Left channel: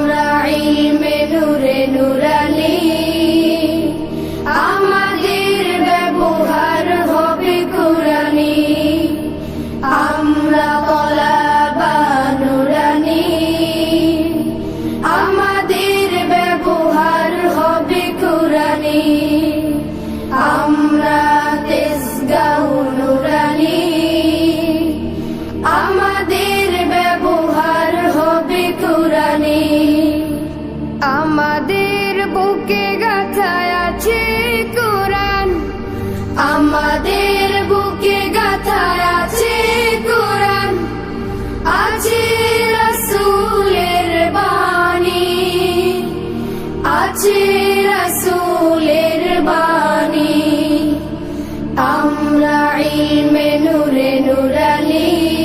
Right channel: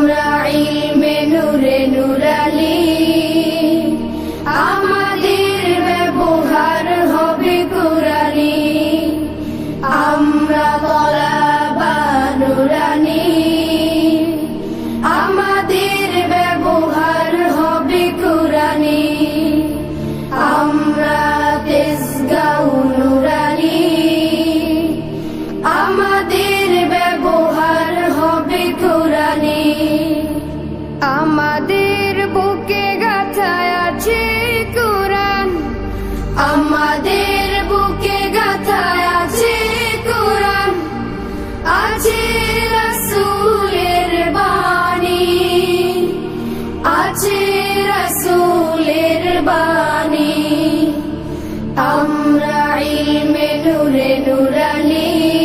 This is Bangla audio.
আমরা ইলমে নূরে নুরানি, আমাদের ব্যবহার হবে কুরআনি। আমরা তলাবা নুরানি, আমাদের ব্যবহার হবে কুরআনি। আমরা তেজগাঁও নুরানি, আমাদের ব্যবহার হবে কুরআনি। আমাদের বুকে গাঁথা আছে কুরআন, আমাদের